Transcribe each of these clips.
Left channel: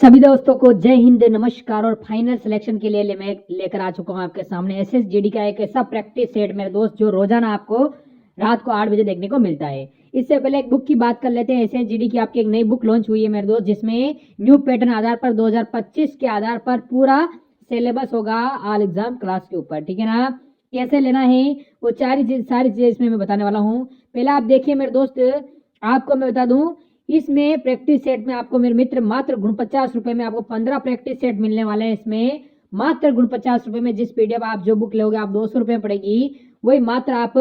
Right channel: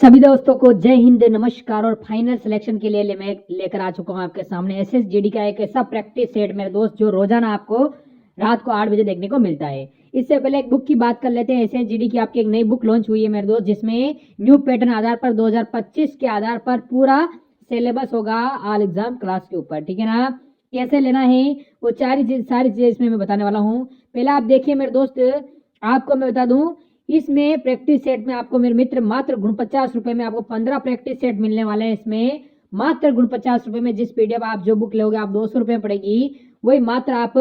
सभी दोस्तों को जय हिंद, नमस्कार। और फाइनल सिलेक्शन के लिए मैं लेकर आ चुका हूं आपके सामने एसएसजीडी का एक ऐसा प्रैक्टिस सेट मेरे दोस्त जो रोजाना आपको रात को 8 बजे देखने को मिलता है। इससे पहले एक बुक की बात कर लेते हैं। एसएसजीडी की आपकी एक नई बुक लॉन्च हुई है मेरे दोस्त, जिसमें न्यू पैटर्न आधार पर 2025 के आधार पर पूरा सिलेबस होगा ऑल एग्जाम क्लास के ऊपर। ठीक है ना? कैसे लेना है वो सारी चीजें इसमें मैं बताने वाला हूँ। पहले आप देखिए मेरे दोस्त, आपको मैं बता दूं, इसमें प्रैक्टिस सेट में आपको मेरे मित्र मात्र गुण 50 रुपए में आपको 15 प्रैक्टिस सेट मिलने वाले हैं। इसमें मात्र गुण 50 रुपए में जिस पीडीएफ आप जो बुक लोगे आप 200 रुपए पड़ेगी, वही मात्र आप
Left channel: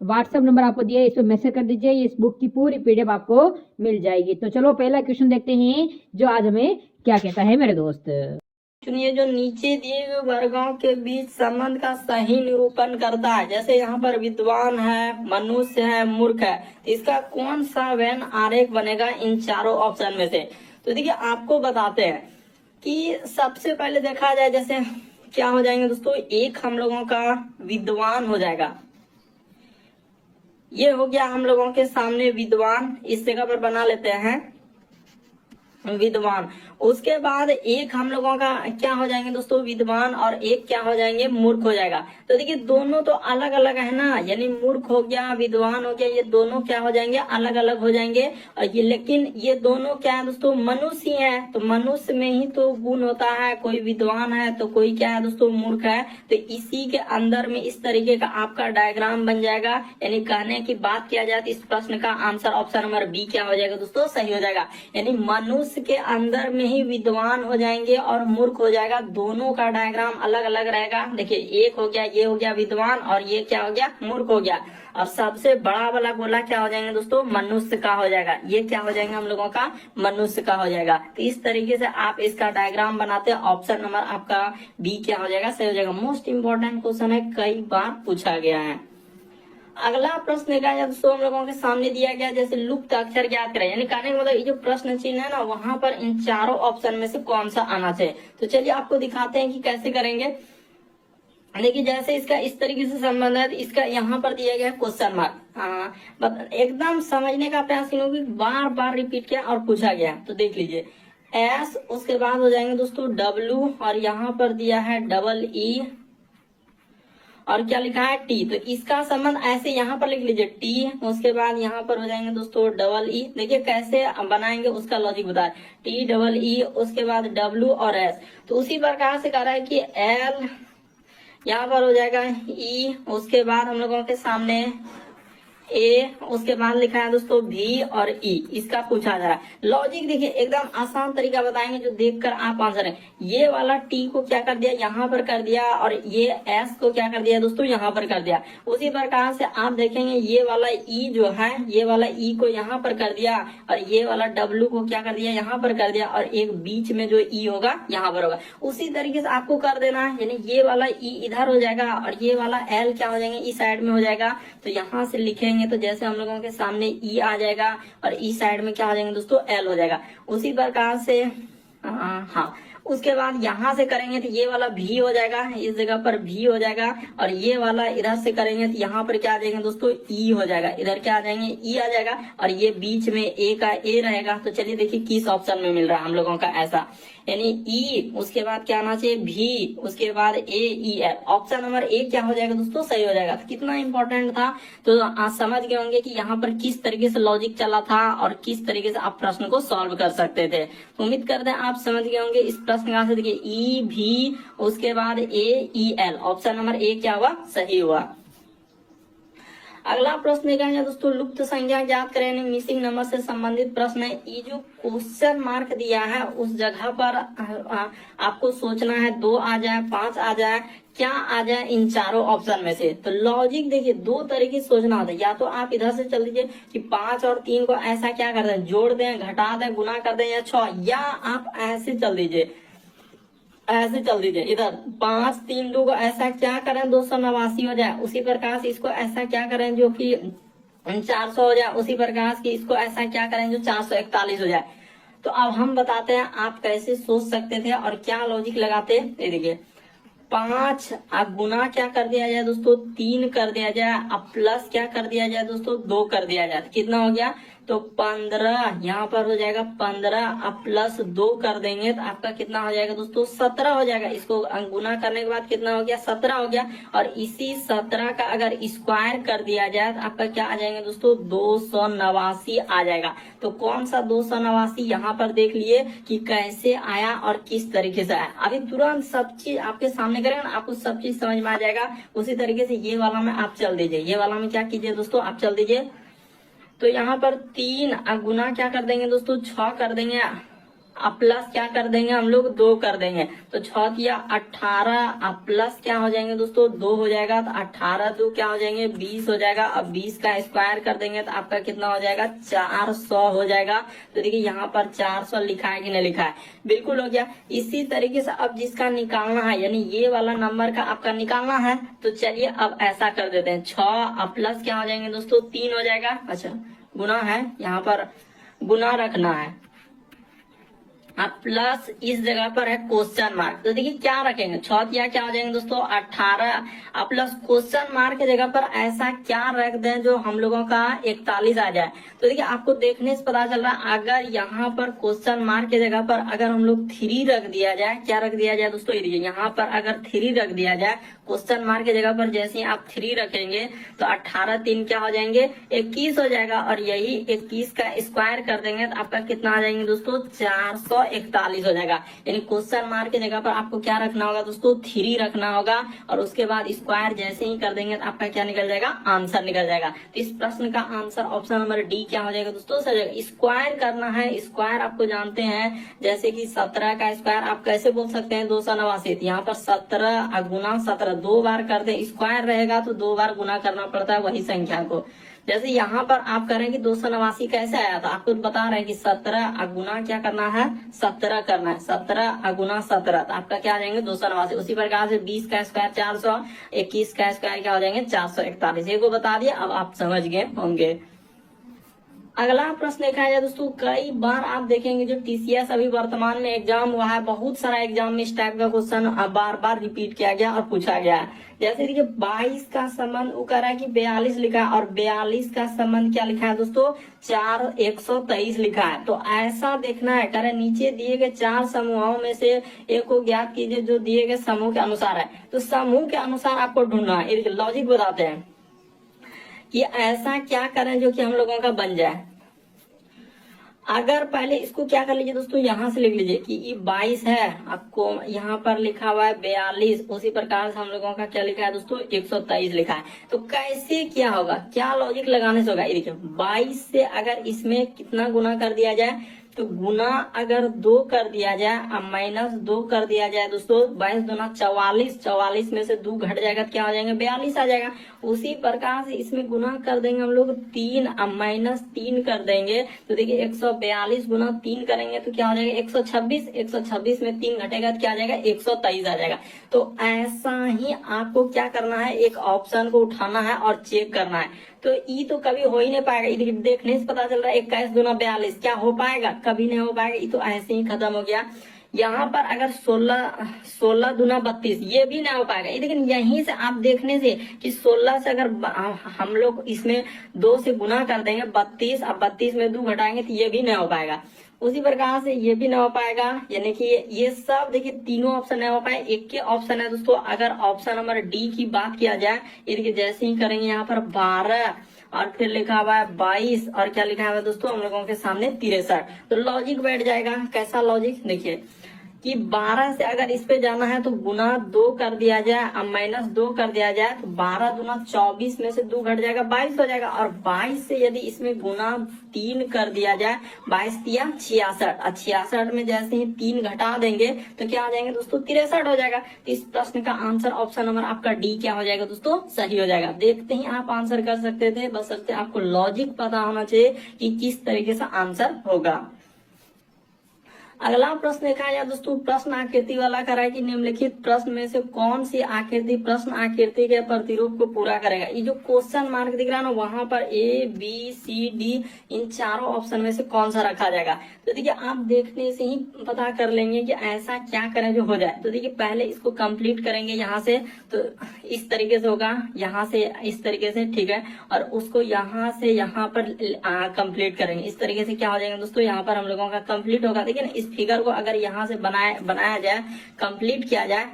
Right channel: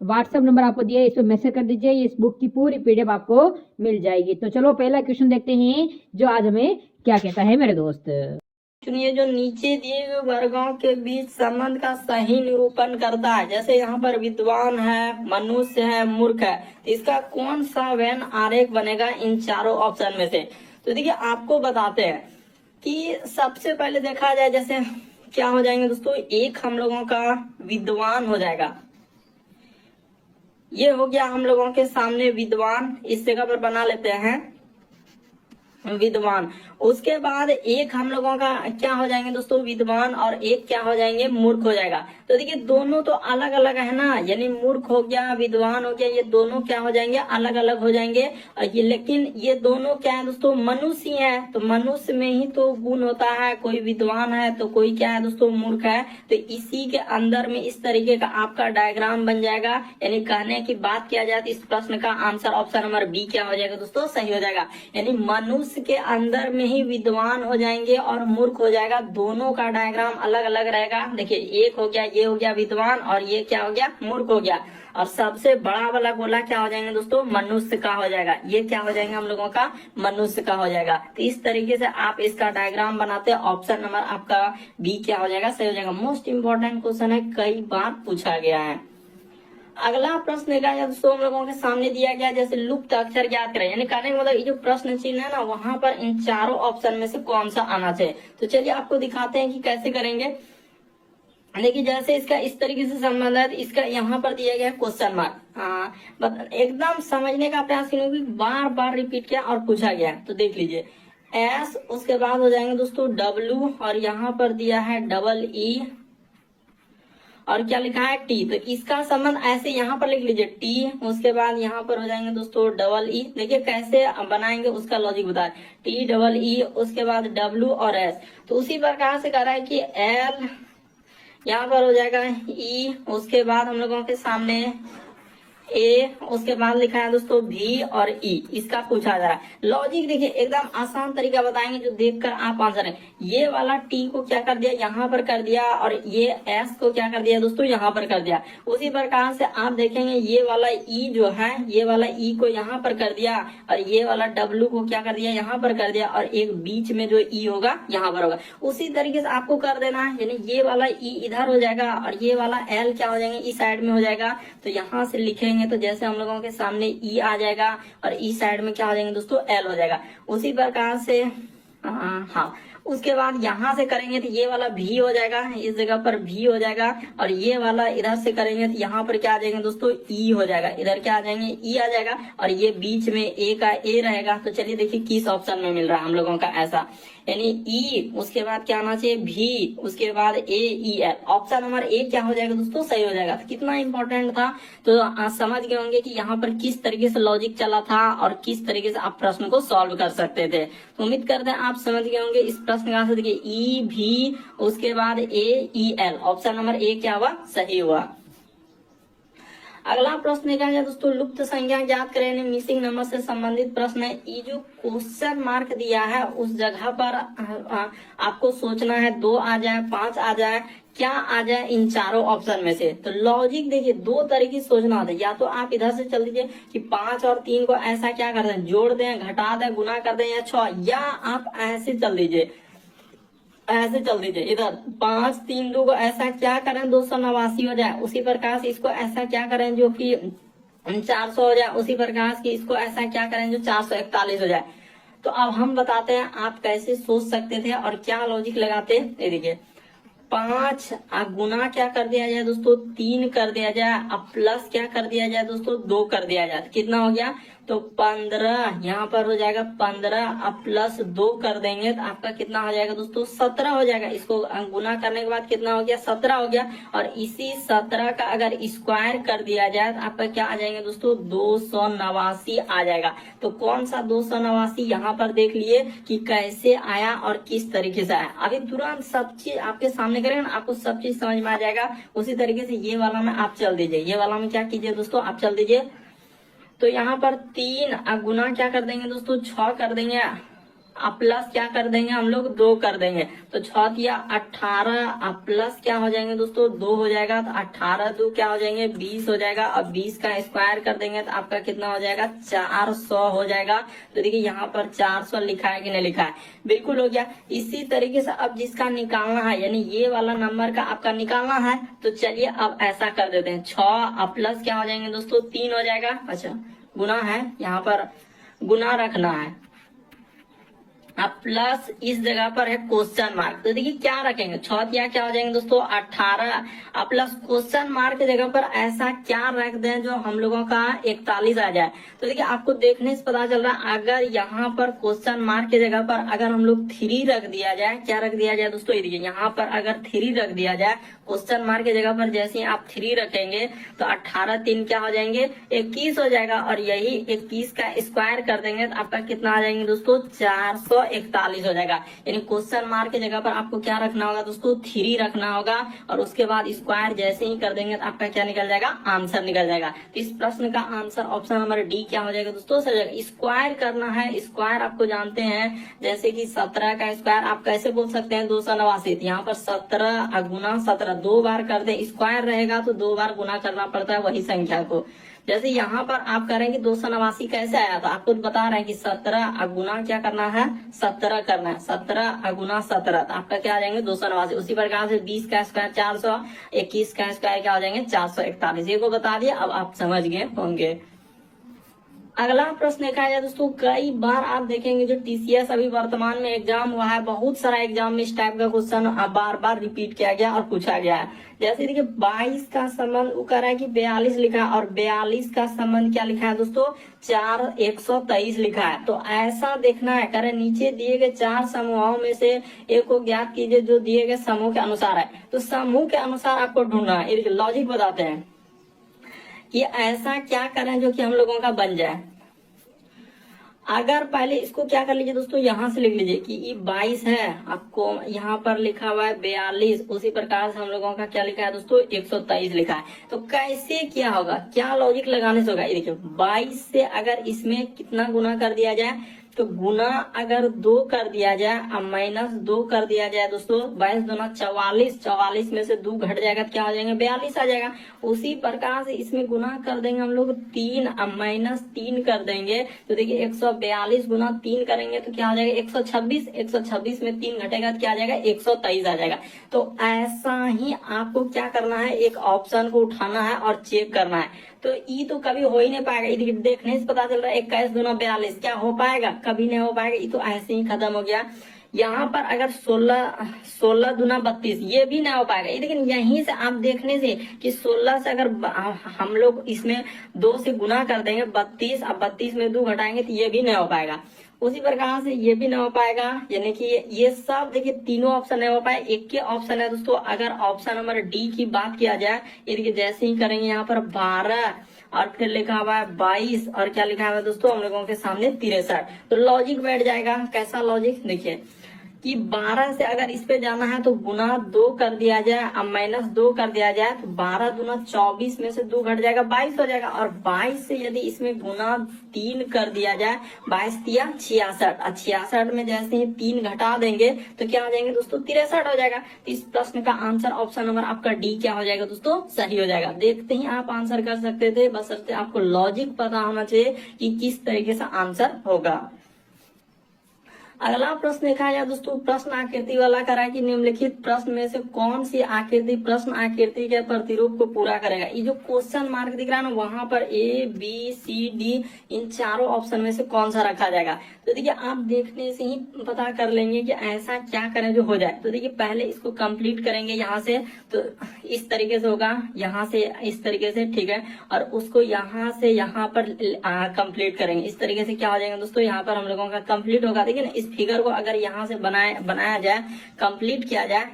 व्हाट्सएप नंबर आपको दिया है, इस पर मैसेज कर दीजिए, इस बुक की पूरी पीडीएफ आपको मिल जाएगी। तो चलो पहला क्वेश्चन देखते हैं जो आज हमें क्या कहता है मेरे दोस्त। चुनिए जो नीचे दिए हुए वर्गों के बीच संबंध का सही निरूपण करता है। जैसे यहाँ पर विद्वान है, मनुष्य है, मूर्ख है, इसका कौन सा वेन आरेख बनेगा इन चारों ऑप्शन में से? तो देखिए आपको बताते हैं कि सबसे पहले देखा जाए, जैसे क्या हो जाएंगे दोस्तों, एक हम लोगों का विद्वान हो जाएगा। ये हो गया हम लोगों के सामने विद्वान, इस जगह पर बना लेते हैं विद्वान। उसके बाद एक हम लोगों का क्या हो जाएंगे दोस्तों, विद्वान, और एक क्या हो जाएंगे, मूर्ख हो जाएगा। तो देखिए दोनों तो अलग अलग है ना, यानी मूर्ख हो गया, विद्वान हो गया, ये दोनों क्या हो जाएंगे, अलग अलग हो जाएंगे। और ये लेकिन ये दोनों क्या है दोस्तों, मनुष्य ही है। तो मनुष्य में ही तो गुण होता है, कोई विद्वान है तो कोई क्या है दोस्तों, मूर्ख है। तो इसी के अंदर में इस तरीके का आपका डायग्राम बन जाएगा। यानी कहने की बात किया जाए तो इस प्रश्न का आंसर ऑप्शन नंबर बी क्या हो जाएगा दोस्तों, सही हो जाएगा। यानी मनुष्य के अंदर में ही विद्वान हो जाएंगे और मूर्ख हो जाएगा, दोनों का डायग्राम अलग अलग रहेगा। देखिए एक हो गया, ये हो गया विद्वान, और ये क्या हो गया, मूर्ख हो गया। और सबसे बड़ा वाला गोला क्या हो जाएंगे दोस्तों, मनुष्य का हो जाएगा। ये क्या हो जाएंगे हम लोगों का, मनुष्य का हो जाएगा। तो इस तरीके से आप इसका डायग्राम बनाते हैं, ऑप्शन नंबर आपका बी क्या हो जाएगा, सही हो जाएगा। मोस्ट इंपॉर्टेंट क्वेश्चन है, कई बार पूछा गया है। अगला प्रश्न देखा जाए दोस्तों हम लोगों के सामने दिया गया, जैसे लुप्त अक्षर ज्ञात करें। यानी कहने का मतलब ये जो प्रश्न चिन्ह है ना, वहां पर इन चारों ऑप्शन में से कौन सा आना चाहिए। तो चलिए आपको दिखाते हैं कि कैसे करेंगे। देखिए जैसे इसका इस तरीके से संबंध है, इसका यहाँ पर दिया गया क्वेश्चन मार्क। एकदम समझने का प्रयास क्योंकि बार बार रिपीट किया और पूछा गया। तो देख लीजिए एस, उसके बाद हो जाएंगे दोस्तों डब्ल्यू, और यहाँ पर दिया है डबल ई, और क्या लिखा है टी। तो इसका संबंध ऐसे यहाँ पर लिख लीजिए टी, उसके बाद यहाँ पर हो जाएंगे दोस्तों डबल ई। देखिए कैसे बनाएंगे उसका लॉजिक बता, टी डबल ई, उसके बाद डब्ल्यू और एस। तो उसी प्रकार से कह रहा है कि एल, यहाँ पर हो जाएगा ई, उसके बाद हम लोगों के सामने ए, उसके बाद लिखा है दोस्तों भी और ई। इसका पूछा जा रहा है। लॉजिक देखिए एकदम आसान तरीका बताएंगे जो देखकर आप आंसर है। ये वाला टी को क्या कर दिया, यहाँ पर कर दिया, और ये एस को क्या कर दिया दोस्तों, यहाँ पर कर दिया। उसी प्रकार से आप देखेंगे ये वाला ई जो है, ये वाला ई को यहाँ पर कर दिया, और ये वाला डब्ल्यू को क्या कर दिया, यहाँ पर कर दिया, और एक बीच में जो ई होगा यहाँ पर होगा। उसी तरीके से आपको कर देना है। यानी ये वाला ई इधर हो जाएगा, और ये वाला एल क्या हो जाएंगे, इस साइड में हो जाएगा। तो यहाँ से लिखेंगे तो जैसे हम लोगों के सामने ई आ जाएगा, और ई साइड में क्या हो जाएंगे दोस्तों, एल हो जाएगा। उसी प्रकार से हाँ, उसके बाद यहाँ से करेंगे तो ये वाला भी हो जाएगा, इस जगह पर भी हो जाएगा, और ये वाला इधर से करेंगे तो यहाँ पर क्या आ जाएंगे दोस्तों, ई हो जाएगा। इधर क्या आ जाएंगे, ई आ जाएगा, और ये बीच में ए का ए रहेगा। तो चलिए देखिए किस ऑप्शन में मिल रहा है हम लोगों का ऐसा, यानी ई, उसके बाद क्या आना चाहिए भी, उसके बाद A E L. Option number A क्या हो जाएगा दोस्तों, सही हो जाएगा। तो कितना इंपॉर्टेंट था, तो आप समझ गए होंगे कि यहाँ पर किस तरीके से लॉजिक चला था और किस तरीके से आप प्रश्न को सॉल्व कर सकते थे। तो उम्मीद करते हैं आप समझ गए होंगे इस प्रश्न का आंसर। देखिए ई भी, उसके बाद A E L, option number A क्या हुआ, सही हुआ। अगला प्रश्न देखा जाए दोस्तों, लुप्त संख्या ज्ञात करें, मिसिंग नंबर से संबंधित प्रश्न है। ये जो क्वेश्चन मार्क दिया है उस जगह पर आपको सोचना है 2 आ जाए, 5 आ जाए, क्या आ जाए इन चारों ऑप्शन में से। तो लॉजिक देखिए दो तरीके से सोचना होता है। या तो आप इधर से चल दीजिए कि 5 और 3 को ऐसा क्या कर दें, जोड़ दें, घटा दें, गुना कर दें, या 6, या आप ऐसे चल दीजिए, ऐसे चल दीजिए इधर 5 3 2 को ऐसा क्या करें 289 हो जाए। उसी प्रकार से इसको ऐसा क्या करें जो कि 400 हो जाए। उसी प्रकार से इसको ऐसा क्या करें जो 441 हो जाए। तो अब हम बताते हैं आप कैसे सोच सकते थे और क्या लॉजिक लगाते। ये देखिए 5 अब गुना क्या कर दिया जाए दोस्तों, 3 कर दिया जाए, अब प्लस क्या कर दिया जाए दोस्तों, 2 कर दिया जाए। कितना हो गया तो 15 यहाँ पर हो जाएगा 15 अब प्लस 2 कर देंगे तो आपका कितना हो जाएगा दोस्तों 17 हो जाएगा। इसको गुना करने के बाद कितना हो गया 17 हो गया। और इसी 17 का अगर स्क्वायर कर दिया जाए तो आपका क्या आ जाएगा दोस्तों 289 आ जाएगा। तो कौन सा 289 यहाँ पर देख लिए कि कैसे आया और किस तरीके से आया। अभी तुरंत सब चीज आपके सामने करेंगे ना, आपको सब चीज समझ में आ जाएगा। उसी तरीके से ये वाला में आप चल दीजिए, ये वाला में क्या कीजिए दोस्तों आप चल दीजिए। तो यहाँ पर 3 गुना क्या कर देंगे दोस्तों 6 कर देंगे, अब प्लस क्या कर देंगे हम लोग 2 कर देंगे। तो 6 किया 18 अब प्लस क्या हो जाएंगे दोस्तों 2 हो जाएगा। तो 18 2 क्या हो जाएंगे 20 हो जाएगा। अब 20 का स्क्वायर कर देंगे तो आपका कितना हो जाएगा 400 हो जाएगा। तो देखिए यहाँ पर 400 लिखा है कि नहीं लिखा है, बिल्कुल हो गया। इसी तरीके से अब जिसका निकालना है यानी ये वाला नंबर का आपका निकालना है तो चलिए अब ऐसा कर देते हैं 6 अब प्लस क्या हो जाएंगे दोस्तों 3 हो जाएगा। अच्छा गुना है, यहाँ पर गुना रखना है। अब प्लस इस जगह पर है क्वेश्चन मार्क। तो देखिए क्या रखेंगे 6 किया क्या हो जाएंगे दोस्तों 18 अब प्लस क्वेश्चन मार्क की जगह पर ऐसा क्या रख दें जो हम लोगों का 41 आ जाए। तो देखिए आपको देखने से पता चल रहा है अगर यहाँ पर क्वेश्चन मार्क की जगह पर अगर हम लोग 3 रख दिया जाए, क्या रख दिया जाए दोस्तों, देखिए यहाँ पर अगर 3 रख दिया जाए क्वेश्चन मार्क की जगह पर जैसे ही आप 3 रखेंगे तो 18 3 क्या हो जाएंगे 21 हो जाएगा। और यही 21 का स्क्वायर कर देंगे तो आपका कितना आ जाएंगे दोस्तों 441 हो जाएगा। यानी क्वेश्चन मार्क की जगह पर आपको क्या रखना होगा दोस्तों 3 रखना होगा और उसके बाद स्क्वायर जैसे ही कर देंगे तो आपका क्या निकल जाएगा आंसर निकल जाएगा। तो इस प्रश्न का आंसर ऑप्शन नंबर डी क्या हो जाएगा दोस्तों सही जाएगा। स्क्वायर करना है, स्क्वायर आपको जानते हैं जैसे कि 17 का स्क्वायर आप कैसे बोल सकते हैं 289। यहाँ पर 17 गुना 17 2 बार कर दे, स्क्वायर रहेगा तो 2 बार गुना करना पड़ता है वही संख्या को। जैसे यहाँ पर आप करेंगे 289 कैसे आया था आपको बता रहे हैं कि 17 गुना क्या करना है 17 करना है, 17 गुना 17 तो आपका क्या आ जाएंगे 289। उसी प्रकार से 20 का स्क्वायर 400, 21 का स्क्वायर क्या हो जाएंगे 441। ये को बता दिया, अब आप समझ गए होंगे। अगला प्रश्न देखा जाए दोस्तों, कई बार आप देखेंगे जो टीसीएस अभी वर्तमान में एग्जाम हुआ है, बहुत सारा एग्जाम में इस टाइप का क्वेश्चन बार बार रिपीट किया गया और पूछा गया है। जैसे देखिए 22 का संबंध वो कह रहा है कि 42 लिखा है और 42 का संबंध क्या लिखा है दोस्तों 123 लिखा है। तो ऐसा देखना है, कह रहे नीचे दिए गए 4 समूहों में से एक को ज्ञात कीजिए जो दिए गए समूह के अनुसार है। तो समूह के अनुसार आपको ढूंढना है, लॉजिक बताते हैं कि ऐसा क्या करें जो कि हम लोगों का बन जाए। अगर पहले इसको क्या कर लीजिए दोस्तों यहाँ से लिख लीजिए कि ये 22 है, आपको यहाँ पर लिखा हुआ है 42, उसी प्रकार से हम लोगों का क्या लिखा है दोस्तों 123 लिखा है। तो कैसे क्या होगा, क्या लॉजिक लगाने से होगा, ये देखिए 22 से अगर इसमें कितना गुना कर दिया जाए तो गुना अगर 2 कर दिया जाए और माइनस 2 कर दिया जाए दोस्तों 22 दूना 44, 44 में से 2 घट जाएगा तो क्या हो जाएगा 42 आ जाएगा। उसी प्रकार से इसमें गुना कर देंगे हम लोग 3 और माइनस 3 कर देंगे तो देखिए 142 गुना 3 करेंगे तो क्या हो जाएगा 126, 126 में 3 घटेगा तो क्या आ जाएगा 123 आ जाएगा। तो ऐसा ही आपको क्या करना है, एक ऑप्शन को उठाना है और चेक करना है। तो ये तो कभी हो ही नहीं पाएगा, ये देखने से पता चल रहा है 21 गुना 42 क्या हो पाएगा, कभी नहीं हो पाएगा, ये तो ऐसे ही खत्म हो गया। यहाँ पर अगर 16 दूना 32 ये भी नहीं हो पाएगा। लेकिन यहीं से आप देखने से कि 16 से अगर हम लोग इसमें 2 से गुना कर देंगे 32 और 32 में 2 घटाएंगे तो ये भी नहीं हो पाएगा। उसी प्रकार से ये भी नहीं हो पाएगा, यानी कि ये सब देखिए तीनों ऑप्शन नहीं हो पाए, एक के ऑप्शन है दोस्तों। अगर ऑप्शन नंबर डी की बात किया जाए, ये देखिए जैसे ही करेंगे यहाँ पर 12 और फिर लिखा हुआ है 22 और क्या लिखा हुआ है दोस्तों हम लोगों के सामने 63। तो लॉजिक बैठ जाएगा। कैसा लॉजिक देखिए कि 12 से अगर इस पे जाना है तो गुना 2 कर दिया जाए और माइनस 2 कर दिया जाए तो 12 दूना 24 में से 2 घट जाएगा 22 हो जाएगा। और 22 से यदि इसमें गुना 3 कर दिया जाए 22 दिया 66 और 66 में जैसे ही 3 घटा देंगे तो क्या आ जाएंगे दोस्तों 63 हो जाएगा। तो इस प्रश्न का आंसर ऑप्शन नंबर आपका डी क्या हो जाएगा दोस्तों सही हो जाएगा। देखते ही आप आंसर कर सकते थे, बस आपको लॉजिक पता होना चाहिए कि किस तरीके से आंसर होगा। अगला प्रश्न देखा जाए दोस्तों, प्रश्न आकृति वाला करा है कि निम्नलिखित प्रश्न में से कौन सी आकृति प्रश्न आकृति के प्रतिरूप को पूरा करेगा। ये जो क्वेश्चन मार्क दिख रहा है ना वहां पर ए बी सी डी इन चारों ऑप्शन में से कौन सा रखा जाएगा। तो देखिए आप देखने से ही पता कर लेंगे कि ऐसा क्या करें जो हो जाए। तो देखिए पहले इसको कंप्लीट करेंगे यहाँ से, तो इस तरीके से होगा, यहाँ से इस तरीके से, ठीक है। और उसको यहाँ से यहाँ पर कंप्लीट करेंगे। इस तरीके से क्या हो जाएगा दोस्तों, यहाँ पर हम लोगों का कंप्लीट होगा। देखिए ना, इस फिगर को अगर यहाँ से बनाया जाए, कंप्लीट किया जाए,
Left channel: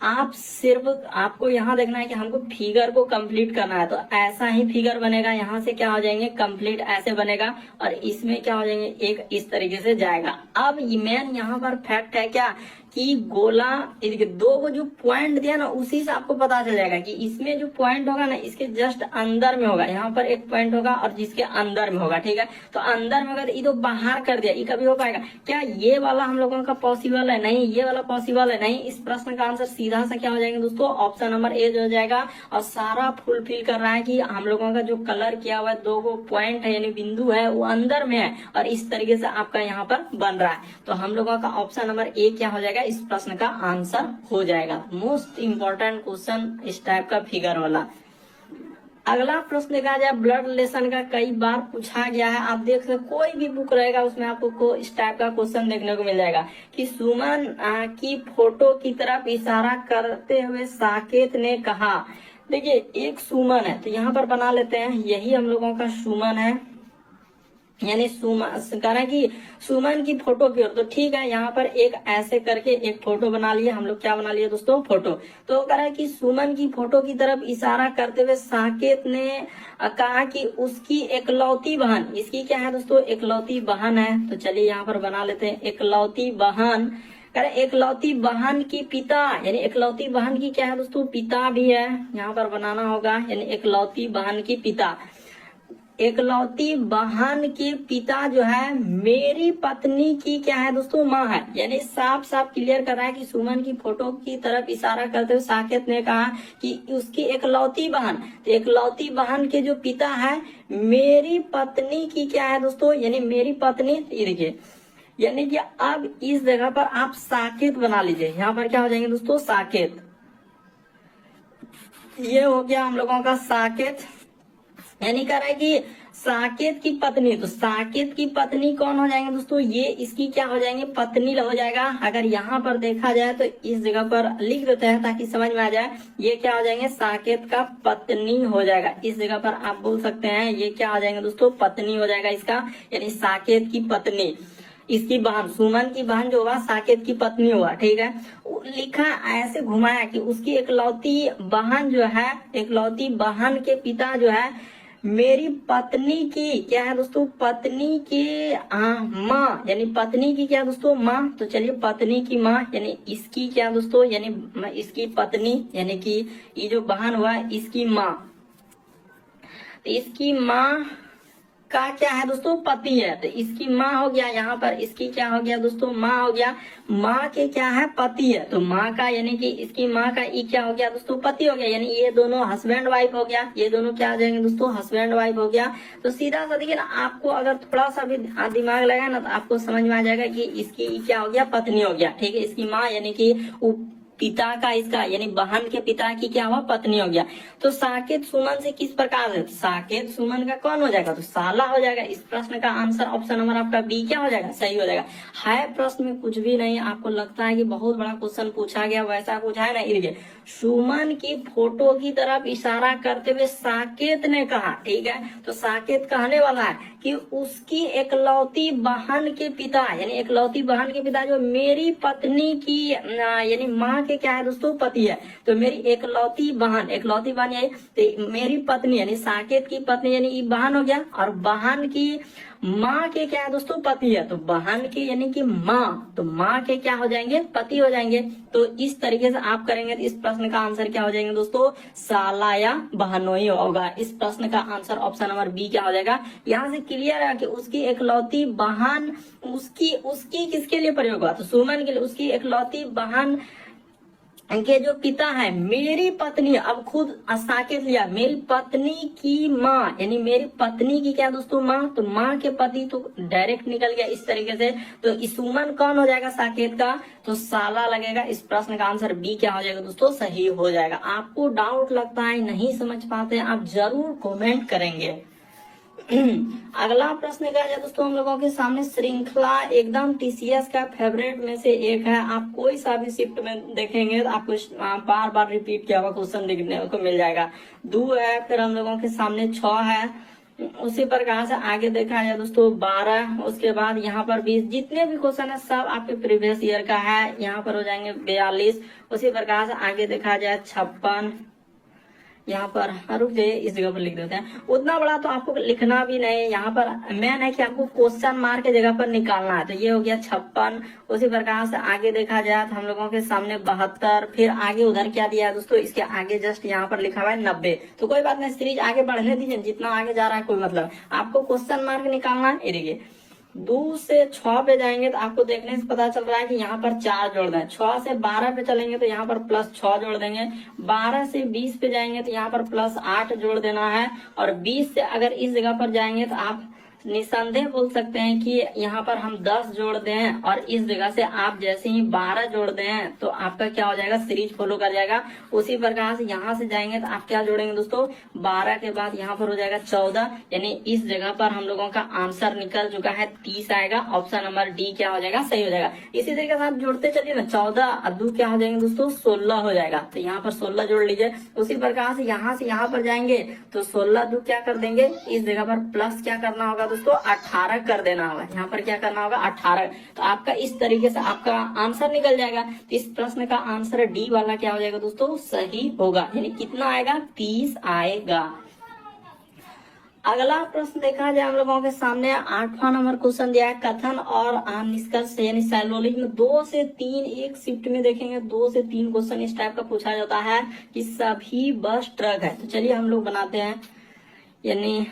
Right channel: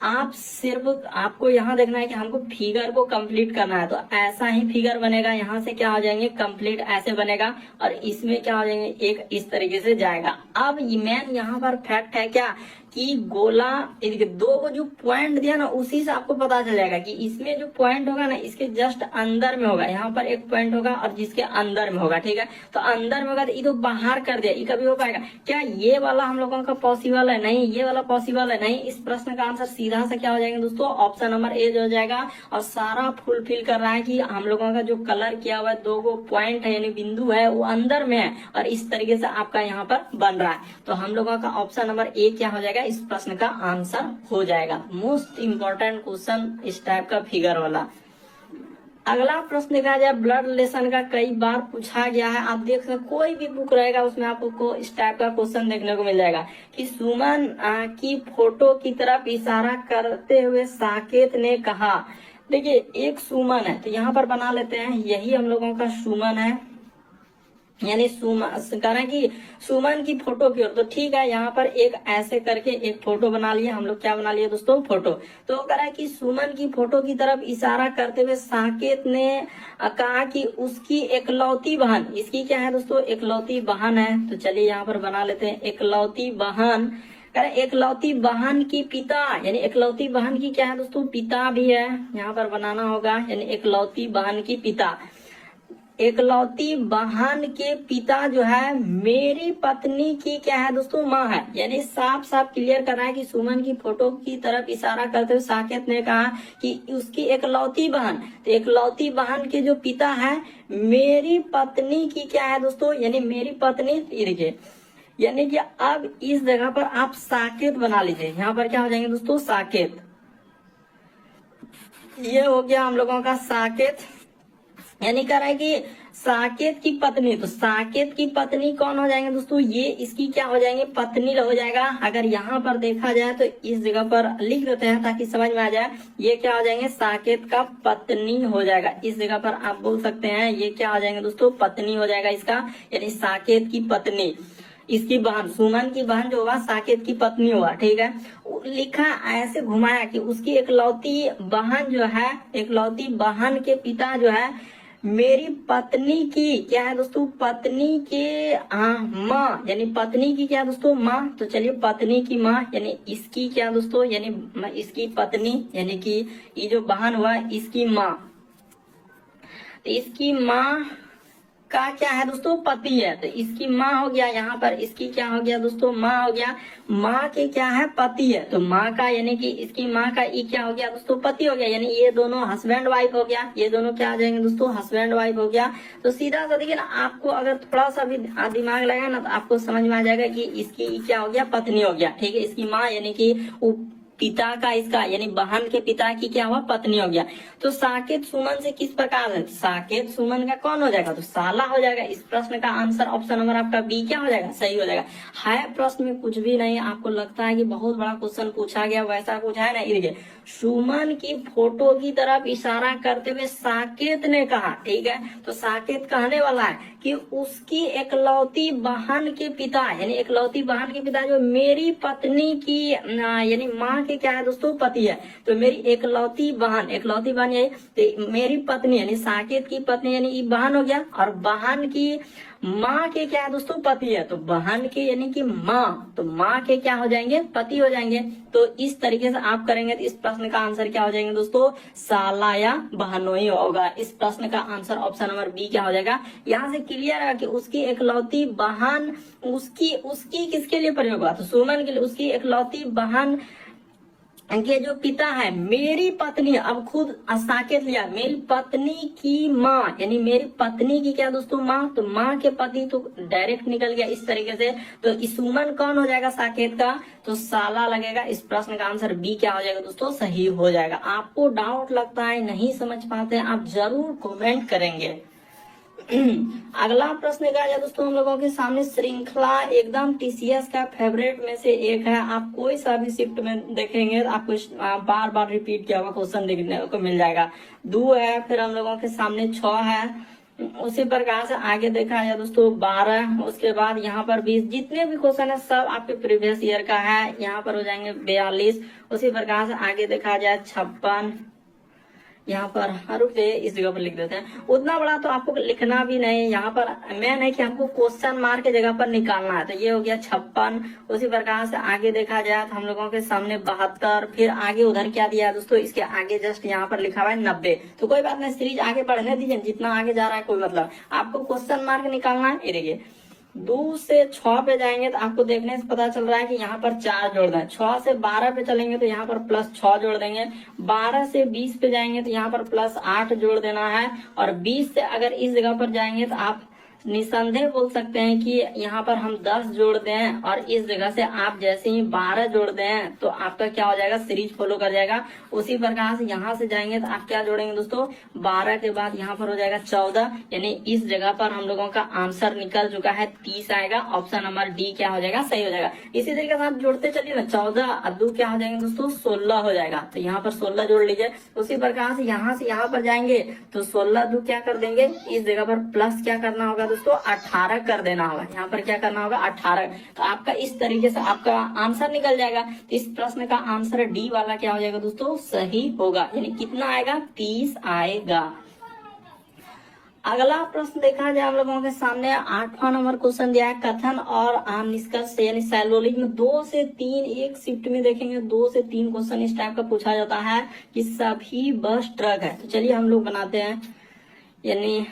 आप सिर्फ आपको यहाँ देखना है कि हमको फिगर को कंप्लीट करना है, तो ऐसा ही फिगर बनेगा। यहाँ से क्या हो जाएंगे, कंप्लीट ऐसे बनेगा, और इसमें क्या हो जाएंगे, एक इस तरीके से जाएगा। अब मेन यहाँ पर फैक्ट है क्या कि गोला, दो को जो पॉइंट दिया ना, उसी से आपको पता चल जाएगा कि इसमें जो पॉइंट होगा ना, इसके जस्ट अंदर में होगा। यहाँ पर एक पॉइंट होगा और जिसके अंदर में होगा, ठीक है। तो अंदर में होगा तो ये तो बाहर कर दिया, ये कभी हो पाएगा क्या? ये वाला हम लोगों का पॉसिबल है नहीं, ये वाला पॉसिबल है नहीं। इस प्रश्न का आंसर सीधा सा क्या हो जाएगा दोस्तों, ऑप्शन नंबर ए हो जाएगा। और सारा फुलफिल कर रहा है कि हम लोगों का जो कलर किया हुआ है, दो को पॉइंट है यानी बिंदु है, वो अंदर में है, और इस तरीके से आपका यहाँ पर बन रहा है। तो हम लोगों का ऑप्शन नंबर ए क्या हो जाएगा, इस प्रश्न का आंसर हो जाएगा। मोस्ट इंपॉर्टेंट क्वेश्चन इस टाइप का फिगर वाला। अगला प्रश्न देखा जाए, ब्लड रिलेशन का कई बार पूछा गया है। आप देख सकते, कोई भी बुक रहेगा उसमें आपको इस टाइप का क्वेश्चन देखने को मिल जाएगा कि सुमन की फोटो की तरफ इशारा करते हुए साकेत ने कहा। देखिए, एक सुमन है, तो यहाँ पर बना लेते हैं, यही हम लोगों का सुमन है, यानी कह रहे हैं कि सुमन की फोटो की ओर। तो ठीक है, यहाँ पर एक ऐसे करके एक फोटो बना लिए हम लोग। क्या बना लिए दोस्तों, फोटो। तो कह रहा है कि सुमन की फोटो की तरफ इशारा करते हुए साकेत ने कहा कि उसकी एकलौती बहन, इसकी क्या है दोस्तों, एकलौती बहन है। तो चलिए यहाँ पर बना लेते हैं, एकलौती बहन। कह रहे एकलौती बहन की पिता, यानी एकलौती बहन की क्या है दोस्तों, पिता भी है। यहाँ पर बनाना होगा, यानी एकलौती बहन की पिता। एकलौती बहन के पिता जो है मेरी पत्नी की क्या है दोस्तों, माँ है। यानी साफ साफ क्लियर कर रहा है कि सुमन की फोटो की तरफ इशारा करते हुए साकेत ने कहा कि उसकी एकलौती बहन, तो एकलौती बहन के जो पिता है मेरी पत्नी की क्या है दोस्तों, यानी मेरी पत्नी। देखिए, यानी कि अब इस जगह पर आप साकेत बना लीजिए। यहाँ पर क्या हो जाएंगे दोस्तों, साकेत। ये हो गया हम लोगों का साकेत, यानी कह रहा है कि साकेत की पत्नी। तो साकेत की पत्नी कौन हो जाएंगे दोस्तों, ये इसकी क्या हो जाएंगे, पत्नी हो जाएगा। अगर यहाँ पर देखा जाए तो इस जगह पर लिख देते हैं ताकि समझ में आ जाए। ये क्या हो जाएंगे, साकेत का पत्नी हो जाएगा। इस जगह पर आप बोल सकते हैं ये क्या हो जाएंगे दोस्तों, पत्नी हो जाएगा इसका, यानी साकेत की पत्नी। इसकी बहन, सुमन की बहन जो होगा साकेत की पत्नी हुआ, ठीक है। लिखा ऐसे घुमाया कि उसकी एकलौती बहन जो है, एकलौती बहन के पिता जो है मेरी पत्नी की क्या है दोस्तों, पत्नी की माँ, यानी पत्नी की क्या दोस्तों, माँ। तो चलिए, पत्नी की माँ यानी इसकी क्या दोस्तों, यानी इसकी पत्नी, यानी कि ये जो बहन हुआ इसकी माँ। तो इसकी माँ का क्या है दोस्तों, पति है। तो इसकी माँ हो गया, यहाँ पर इसकी क्या हो गया दोस्तों, माँ हो गया। माँ के क्या है, पति है। तो माँ का यानी कि इसकी माँ का ये क्या हो गया दोस्तों, पति हो गया। यानी ये दोनों हस्बैंड वाइफ हो गया, ये दोनों क्या आ जाएंगे दोस्तों, हस्बैंड वाइफ हो गया। तो सीधा सा देखिए ना, आपको अगर थोड़ा सा भी दिमाग लगाए ना, तो आपको समझ में आ जाएगा कि इसकी क्या हो गया, पत्नी हो गया, ठीक है। इसकी माँ यानी कि पिता का, इसका यानी बहन के पिता की क्या हुआ, पत्नी हो गया। तो साकेत सुमन से किस प्रकार है, साकेत सुमन का कौन हो जाएगा, तो साला हो जाएगा। इस प्रश्न का आंसर ऑप्शन नंबर आपका बी क्या हो जाएगा, सही हो जाएगा। है प्रश्न में कुछ भी नहीं, आपको लगता है कि बहुत बड़ा क्वेश्चन पूछा गया, वैसा कुछ है नहीं। देखिए, सुमन की फोटो की तरफ इशारा करते हुए साकेत ने कहा, ठीक है। तो साकेत कहने वाला है कि उसकी एकलौती बहन के पिता, यानी एकलौती बहन के पिता जो मेरी पत्नी की यानी माँ के क्या है दोस्तों, पति है। तो मेरी एकलौती बहन, एकलौती बहन यही, तो मेरी पत्नी यानी साकेत की पत्नी यानी ये बहन हो गया, और बहन की माँ के क्या है दोस्तों, पति है। तो बहन के यानी कि माँ, तो माँ के क्या हो जाएंगे, पति हो जाएंगे। तो इस तरीके से आप करेंगे तो इस प्रश्न का आंसर क्या हो जाएंगे दोस्तों, साला या बहनोई होगा। इस प्रश्न का आंसर ऑप्शन नंबर बी क्या हो जाएगा। यहाँ से क्लियर है कि उसकी एकलौती बहन, उसकी किसके लिए प्रयोग हुआ, तो सुमन के लिए। उसकी एकलौती बहन के जो पिता है मेरी पत्नी, अब खुद साकेत लिया, मेरी पत्नी की माँ, यानी मेरी पत्नी की क्या दोस्तों, माँ। तो माँ के पति तो डायरेक्ट निकल गया इस तरीके से। तो सुमन कौन हो जाएगा साकेत का, तो साला लगेगा। इस प्रश्न का आंसर बी क्या हो जाएगा दोस्तों, सही हो जाएगा। आपको डाउट लगता है, नहीं समझ पाते, आप जरूर कमेंट करेंगे। अगला प्रश्न क्या है दोस्तों हम लोगों के सामने, श्रृंखला एकदम टीसीएस का फेवरेट में से एक है। आप कोई सा भी शिफ्ट में देखेंगे तो आपको बार बार रिपीट किया हुआ क्वेश्चन देखने को मिल जाएगा। 2 है, फिर हम लोगों के सामने 6 है, उसी प्रकार से आगे देखा जाए दोस्तों 12, उसके बाद यहाँ पर 20। जितने भी क्वेश्चन है सब आपके प्रीवियस ईयर का है। यहाँ पर हो जाएंगे 42, उसी प्रकार से आगे देखा जाए 56, यहाँ पर रुक जाइए इस जगह पर लिख देते हैं। उतना बड़ा तो आपको लिखना भी नहीं, यहाँ पर मेन है कि हमको क्वेश्चन मार्क के जगह पर निकालना है। तो ये हो गया 56, उसी प्रकार से आगे देखा जाए तो हम लोगों के सामने 72, फिर आगे उधर क्या दिया है दोस्तों, इसके आगे जस्ट यहाँ पर लिखा हुआ है 90। तो कोई बात नहीं, सीरीज आगे बढ़ने दीजिए, जितना आगे जा रहा है कोई मतलब, आपको क्वेश्चन मार्क निकालना है। ये देखिए 2 से 6 पे जाएंगे तो आपको देखने से पता चल रहा है कि यहाँ पर 4 जोड़ दें। 6 से 12 पे चलेंगे तो यहाँ पर +6 जोड़ देंगे। 12 से 20 पे जाएंगे तो यहाँ पर +8 जोड़ देना है। और 20 से अगर इस जगह पर जाएंगे तो आप निसंदेह बोल सकते हैं कि यहाँ पर हम 10 जोड़ दें, और इस जगह से आप जैसे ही 12 जोड़ दें तो आपका क्या हो जाएगा, सीरीज फॉलो कर जाएगा। उसी प्रकार से यहाँ से जाएंगे तो आप क्या जोड़ेंगे दोस्तों, 12 के बाद यहाँ पर हो जाएगा 14, यानी इस जगह पर हम लोगों का आंसर निकल चुका है 30 आएगा। ऑप्शन नंबर डी क्या हो जाएगा, सही हो जाएगा। इसी तरीके से आप जोड़ते चलिए ना, 14 और 2 क्या हो जाएंगे दोस्तों, 16 हो जाएगा। तो यहाँ पर 16 जोड़ लीजिए। उसी प्रकार से यहाँ पर जाएंगे तो 16 2 क्या कर देंगे, इस जगह पर प्लस क्या करना होगा दोस्तों, 18 कर देना होगा। यहाँ पर क्या करना होगा, 18। तो आपका इस तरीके से आपका आंसर निकल जाएगा। तो इस प्रश्न का आंसर डी वाला क्या हो जाएगा दोस्तों, सही होगा। यानी कितना आएगा, 30 आएगा। अगला प्रश्न देखा जाए हम लोगों के सामने 8वां नंबर क्वेश्चन दिया है, कथन और निष्कर्ष यानी सैलोलिक में 2 से 3 एक शिफ्ट में देखेंगे 2 से 3 क्वेश्चन इस टाइप का पूछा जाता है कि सभी बस ट्रक है। तो चलिए हम लोग बनाते हैं, यानी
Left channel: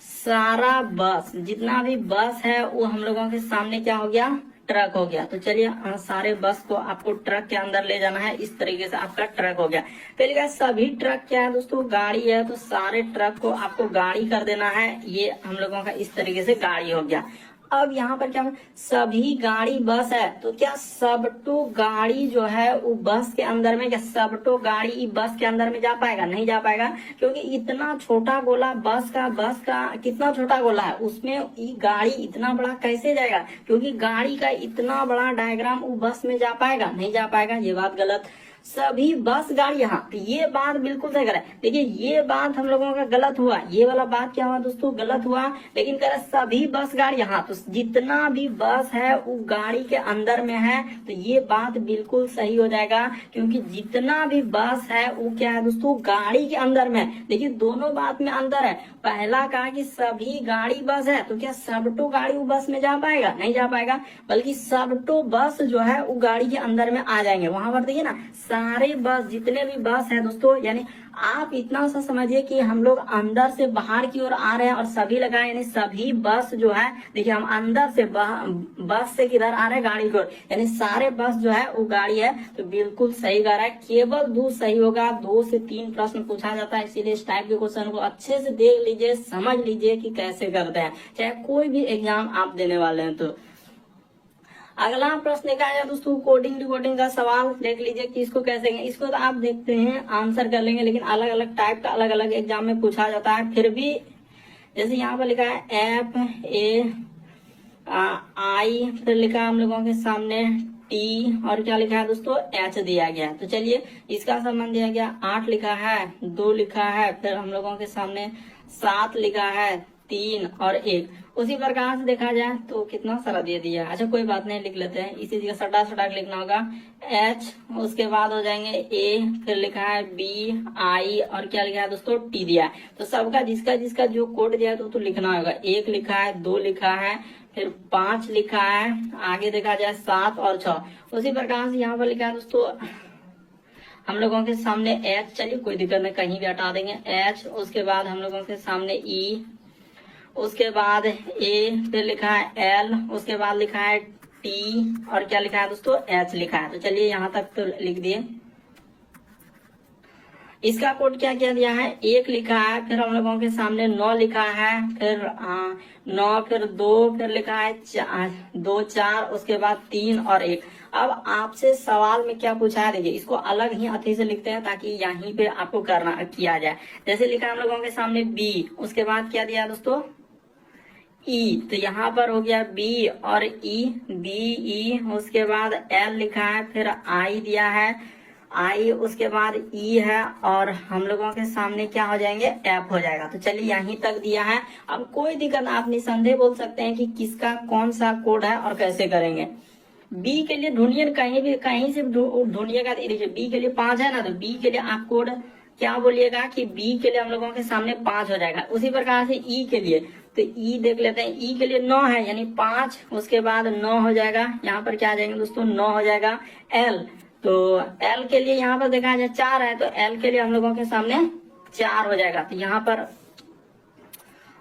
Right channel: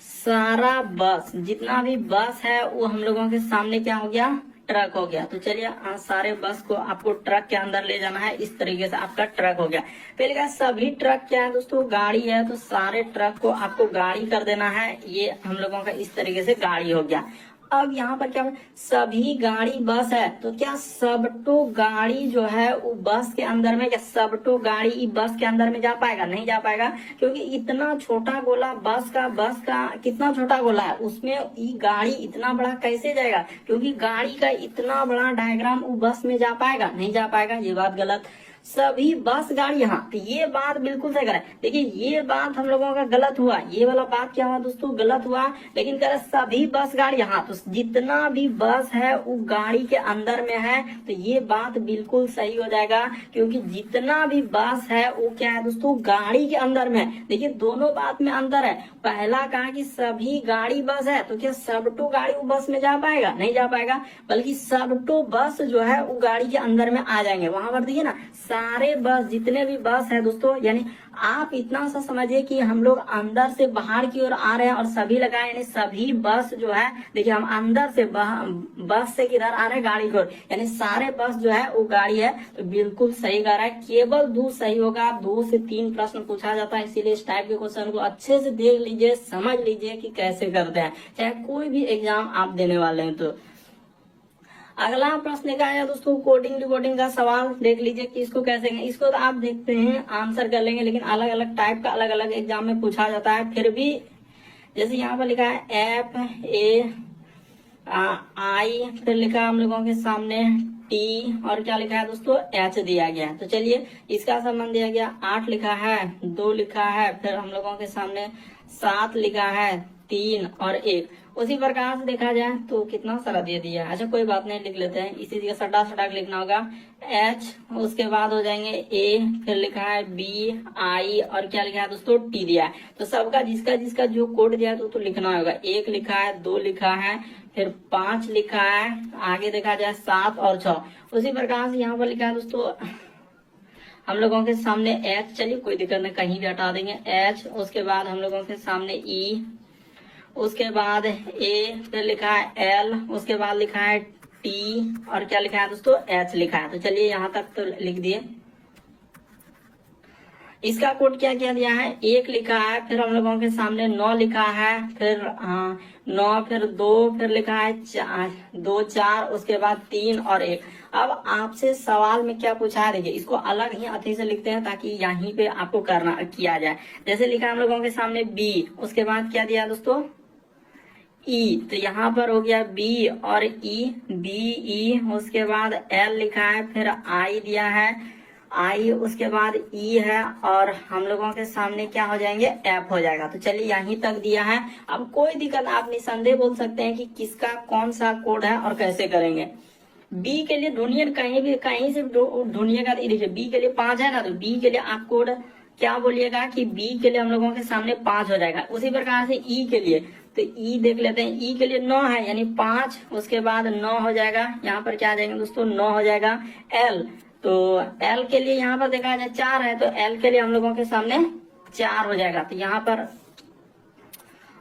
सारा बस, जितना भी बस है वो हम लोगों के सामने क्या हो गया, ट्रक हो गया। तो चलिए सारे बस को आपको ट्रक के अंदर ले जाना है। इस तरीके से आपका ट्रक हो गया। पहले सभी ट्रक क्या है दोस्तों, गाड़ी है। तो सारे ट्रक को आपको गाड़ी कर देना है। ये हम लोगों का इस तरीके से गाड़ी हो गया। अब यहाँ पर क्या, सभी गाड़ी बस है, तो क्या सबटो गाड़ी जो है वो बस के अंदर में, क्या सबटो गाड़ी बस के अंदर में जा पाएगा, नहीं जा पाएगा। क्योंकि इतना छोटा गोला बस का कितना छोटा गोला है, उसमें ये गाड़ी इतना बड़ा कैसे जाएगा, क्योंकि गाड़ी का इतना बड़ा डायग्राम वो बस में जा पाएगा, नहीं जा पाएगा। ये बात गलत। सभी बस गाड़ी, यहाँ तो ये बात बिल्कुल सही करे। देखिए ये बात हम लोगों का गलत हुआ, ये वाला बात क्या हुआ दोस्तों, गलत हुआ। लेकिन कह सभी बस गाड़ी, यहाँ तो जितना भी बस है वो गाड़ी के अंदर में है, तो ये बात बिल्कुल सही हो जाएगा। क्योंकि जितना भी बस है वो क्या है दोस्तों, गाड़ी के अंदर में है। देखिए दोनों बात में अंदर है। पहला कहा कि सभी गाड़ी बस है, तो क्या सबटो गाड़ी वो बस में जा पाएगा, नहीं जा पाएगा। बल्कि सबटो बस जो है वो गाड़ी के अंदर में आ जाएंगे। वहां पर देखिए ना, सारे बस, जितने भी बस है दोस्तों, यानी आप इतना सा समझिए कि हम लोग अंदर से बाहर की ओर आ रहे हैं और सभी लगाए, यानी सभी बस जो है, देखिए हम अंदर से बस से किधर आ रहे हैं, गाड़ी की ओर, यानी सारे बस जो है वो गाड़ी है। तो बिल्कुल सही गा रहा है, केवल 2 सही होगा। 2 से 3 प्रश्न पूछा जाता है, इसीलिए इस टाइप के क्वेश्चन को अच्छे से देख लीजिए, समझ लीजिए कि कैसे करते हैं, चाहे कोई भी एग्जाम आप देने वाले हैं। तो अगला प्रश्न देखा है दोस्तों, कोडिंग डिकोडिंग का सवाल देख लीजिए कि इसको कैसे, इसको तो आप देखते हैं आंसर कर लेंगे, लेकिन अलग अलग टाइप का अलग अलग एग्जाम में पूछा जाता है। फिर भी जैसे यहाँ पर लिखा है FAI, फिर लिखा है हम लोगों के सामने T, और क्या लिखा है दोस्तों, H दिया गया। तो चलिए इसका संबंध दिया गया, 8 लिखा है, 2 लिखा है, फिर हम लोगों के सामने 7 लिखा है, 3 और 1। उसी प्रकार से देखा जाए तो कितना सारा दे दिया। अच्छा कोई बात नहीं, लिख लेते हैं। इसी जगह सटा लिखना होगा H, उसके बाद हो जाएंगे A, फिर लिखा है B, I, और क्या लिखा है दोस्तों, T दिया है। तो सबका जिसका जिसका जो कोड दिया है तो लिखना होगा। 1 लिखा है, 2 लिखा है, फिर 5 लिखा है, आगे देखा जाए 7 और 6। उसी प्रकार से यहाँ पर लिखा है दोस्तों हम लोगों के सामने H, चलिए कोई दिक्कत नहीं, कहीं भी हटा देंगे H। उसके बाद हम लोगों के सामने E, उसके बाद A, फिर लिखा है L, उसके बाद लिखा है T, और क्या लिखा है दोस्तों, H लिखा है। तो चलिए यहाँ तक तो लिख दिए। इसका कोड क्या क्या दिया है, 1 लिखा है, फिर हम लोगों के सामने 9 लिखा है, फिर 9, फिर 2, फिर लिखा है 2 4, उसके बाद 3 और 1। अब आपसे सवाल में क्या पूछा है, देखिए इसको अलग ही अथी से लिखते हैं ताकि यहीं पे आपको करना किया जाए। जैसे लिखा हम लोगों के सामने बी, उसके बाद क्या दिया दोस्तों, ई, तो यहाँ पर हो गया बी और ई, बी ई, उसके बाद एल लिखा है, फिर आई दिया है, आई, उसके बाद ई है, और हम लोगों के सामने क्या हो जाएंगे, एफ हो जाएगा। तो चलिए यहीं तक दिया है। अब कोई दिक्कत, आप निसंदेह बोल सकते हैं कि किसका कौन सा कोड है और कैसे करेंगे। बी के लिए ढूंढिए, कहीं भी कहीं से ढूंढिएगा। देखिए बी के लिए 5 है ना, तो बी के लिए आप कोड क्या बोलिएगा कि बी के लिए हम लोगों के सामने 5 हो जाएगा। उसी प्रकार से ई के लिए, तो ई देख लेते हैं, ई के लिए 9 है यानी 5, उसके बाद 9 हो जाएगा, यहाँ पर क्या आ जाएंगे दोस्तों, 9 हो जाएगा। एल, तो एल के लिए यहाँ पर देखा जाए 4 है, तो एल के लिए हम लोगों के सामने 4 हो जाएगा। तो यहाँ पर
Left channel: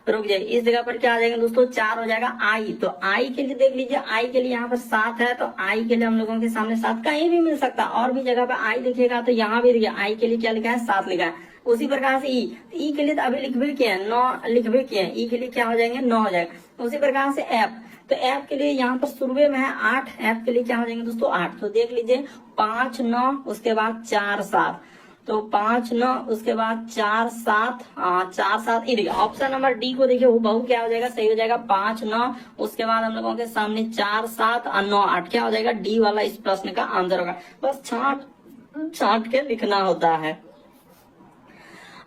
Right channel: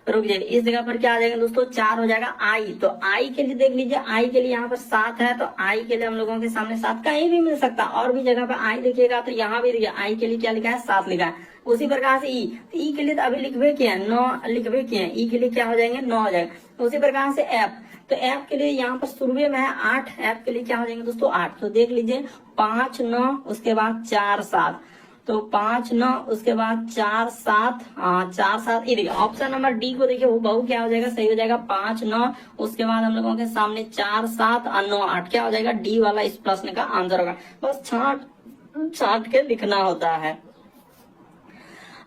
रुक जाइए, इस जगह पर क्या आ जाएगा दोस्तों, 4 हो जाएगा। आई, तो आई के लिए देख लीजिए, आई के लिए यहाँ पर 7 है, तो आई के लिए हम लोगों के सामने 7 कहीं भी मिल सकता है, और भी जगह पे आई देखिएगा तो यहाँ भी देखिए आई के लिए क्या लिखा है, 7 लिखा है। उसी प्रकार से ई, तो ई के लिए तो अभी लिखबे किए हैं 9, लिखबे किए हैं, ई के लिए क्या हो जाएंगे, 9 हो जाएगा। उसी प्रकार से एफ, तो एफ के लिए यहाँ पर शुरू में है 8, एफ के लिए क्या हो जाएंगे दोस्तों, 8। तो देख लीजिए 5 9, उसके बाद 4 7, तो 5 9, उसके बाद 4 7, 4 7, ये देखिए ऑप्शन नंबर डी को देखिए वो बहु क्या हो जाएगा, सही हो जाएगा 5 9, उसके बाद हम लोगों के सामने 4 7 और 9 8, क्या हो जाएगा, डी वाला इस प्रश्न का आंसर होगा। बस छांट के लिखना होता है।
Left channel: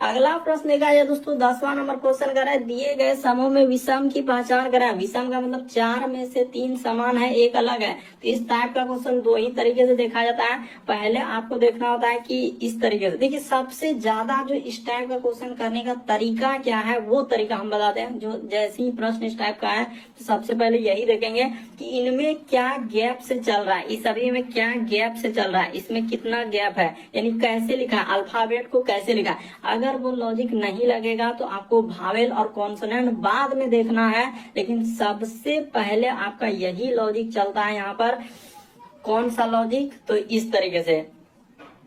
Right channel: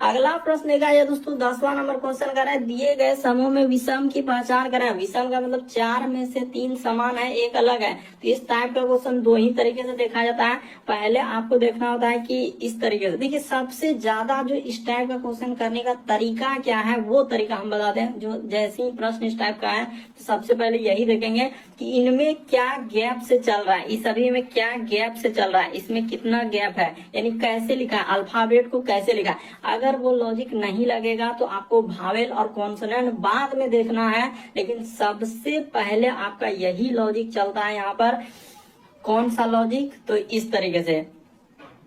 अगला प्रश्न देखा जाए दोस्तों, 10वां नंबर क्वेश्चन कर रहा है, दिए गए समूह में विषम की पहचान करें। विषम का मतलब 4 में से 3 समान है, एक अलग है। तो इस टाइप का क्वेश्चन 2 ही तरीके से देखा जाता है। पहले आपको देखना होता है कि इस तरीके से, देखिए सबसे ज्यादा जो इस टाइप का क्वेश्चन करने का तरीका क्या है, वो तरीका हम बताते हैं। जो जैसे ही प्रश्न इस टाइप का है, तो सबसे पहले यही देखेंगे कि इनमें क्या गैप से चल रहा है, इस सभी में क्या गैप से चल रहा है, इसमें कितना गैप है, यानी कैसे लिखा है, अल्फाबेट को कैसे लिखा है। अगर वो लॉजिक नहीं लगेगा तो आपको भावेल और कॉन्सोनेंट बाद में देखना है, लेकिन सबसे पहले आपका यही लॉजिक चलता है यहाँ पर। कौन सा लॉजिक, तो इस तरीके से